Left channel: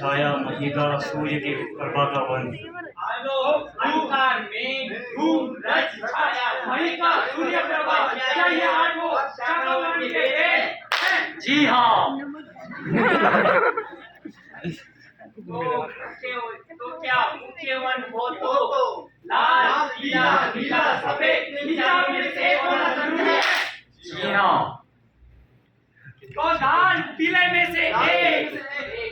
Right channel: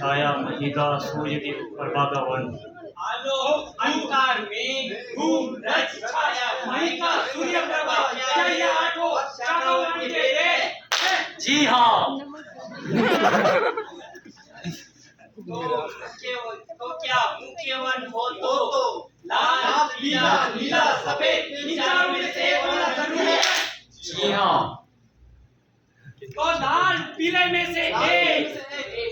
छाया महिका सूर्य के प्रभा का वन। आलोक अंधकार मेघ धूम रज छाया महिका सूर्य प्रभा, क्या ये आठों चारों वन के हैं? जी हाँ। तो क्या मुख्य वन हो तो लाल पीला नीला सफेद इन चारों में से एक होना जरूरी है। जी हाँ। तो लाल पीले में से एक,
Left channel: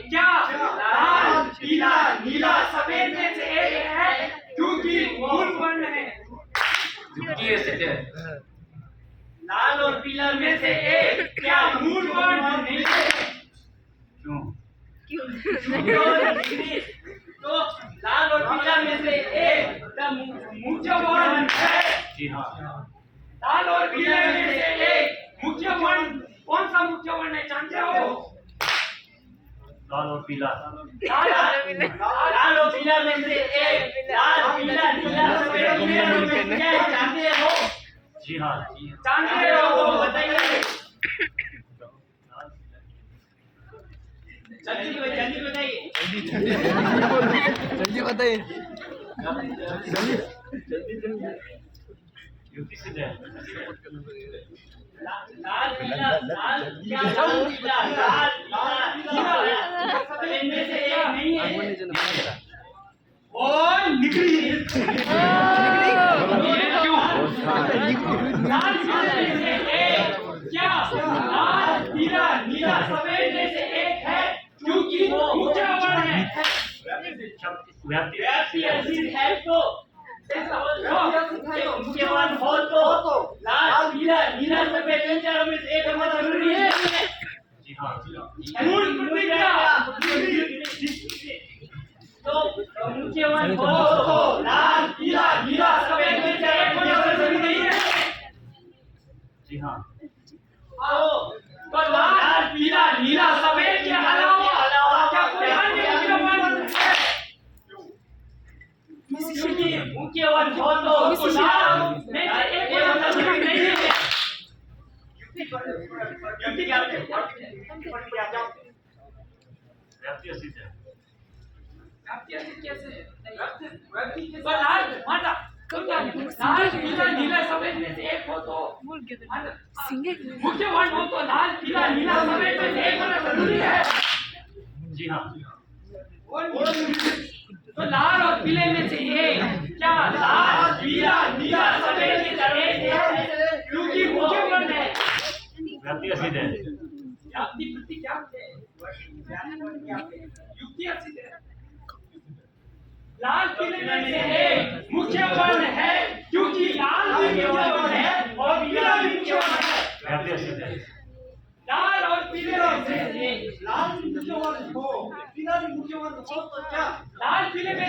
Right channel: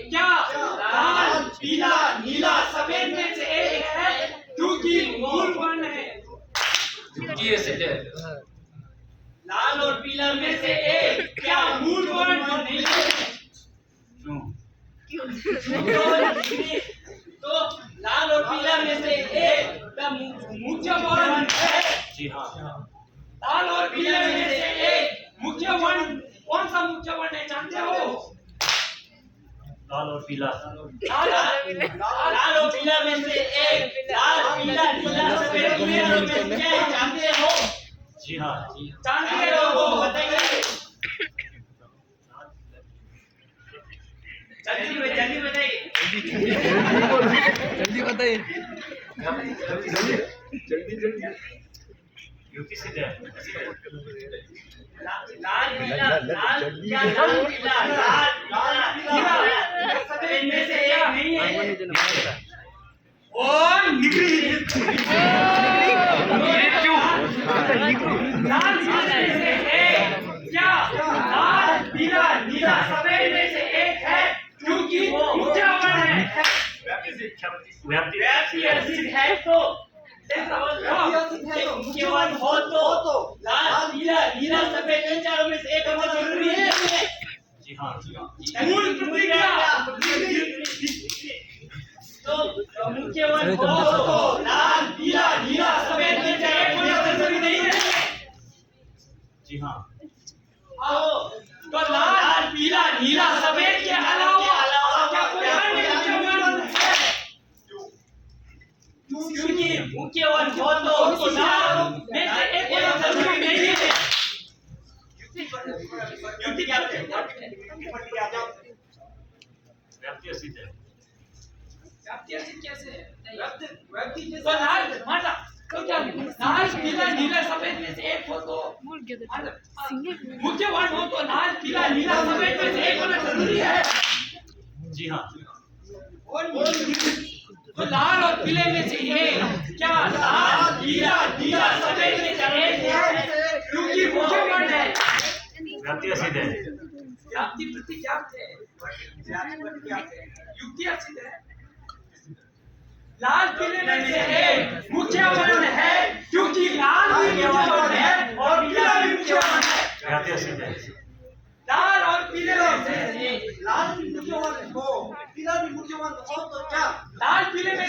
क्या लाल पीला नीला सफेद में से एक है? क्योंकि मूल वर्ण है। लाल और पीला में से एक क्या मूल वर्ण नहीं है? क्यों? तो लाल और पीला में से एक मुख्य वर्ण है। जी हाँ। लाल और पीले में से एक मुख्य वर्ण, कौन सा मुख्य वर्ण है जानते हो? लाल और पीला। लाल और पीला में से एक लाल पीला नीला सफेद क्या है जानते हो? जी हाँ। जानते हो वो बताइए। जल्दी बताइए। जल्दी बताइए। युक्ति से जाए। लाल पीला सफेद में से एक नहीं है। और निकली क्यों? लाल पीला में से एक क्या लाल पीला नीला सफेद में से एक है? क्योंकि मुख्य वर्ण है। व्याप्ति अर्जित है तो मुख्य वर्ण हो तो लाल पीला नीला सफेद इन चारों में से एक होना जरूरी है। जी हाँ। मूल प्रतिज्ञा। तो मुख्य वर्ण हो तो लाल पीला नीला सफेद में से एक होना जरूरी नहीं है। जी हाँ। तो लाल पीला नीला सफेद के अलावा क्या कोई अन्य मुख्य वर्ण है? क्योंकि मुख्य वर्ण हो तो लाल में से एक होना जरूरी नहीं है। युक्ति क्या है? व्याप्ति अर्जित है। व्याप्ति अर्जित कैसे है? तो लाल माना तो क्या लाल पीला नीला सफेद में से एक हो तो मुख्य वर्ण हो तो लाल पीला नीला सफेद में से एक होना जरूरी है। जी हाँ। तो लाल और पीले में से एक क्या लाल पीला नीला सफेद में से एक है? क्योंकि मुख्य वर्ण है। व्याप्ति अर्जित है। व्याप्ति प्रति क्या है? युक्ति अर्जित है। लाल पीले में से एक मुख्य वर्ण है क्योंकि लाल भी मुख्य वर्ण है और पीला भी मुख्य वर्ण है। व्याप्ति अर्जित है। लाल और पीले में से एक लाल भी मुख्य वर्ण हो, पीला भी मुख्य वर्ण हो तो क्या लाल पीले में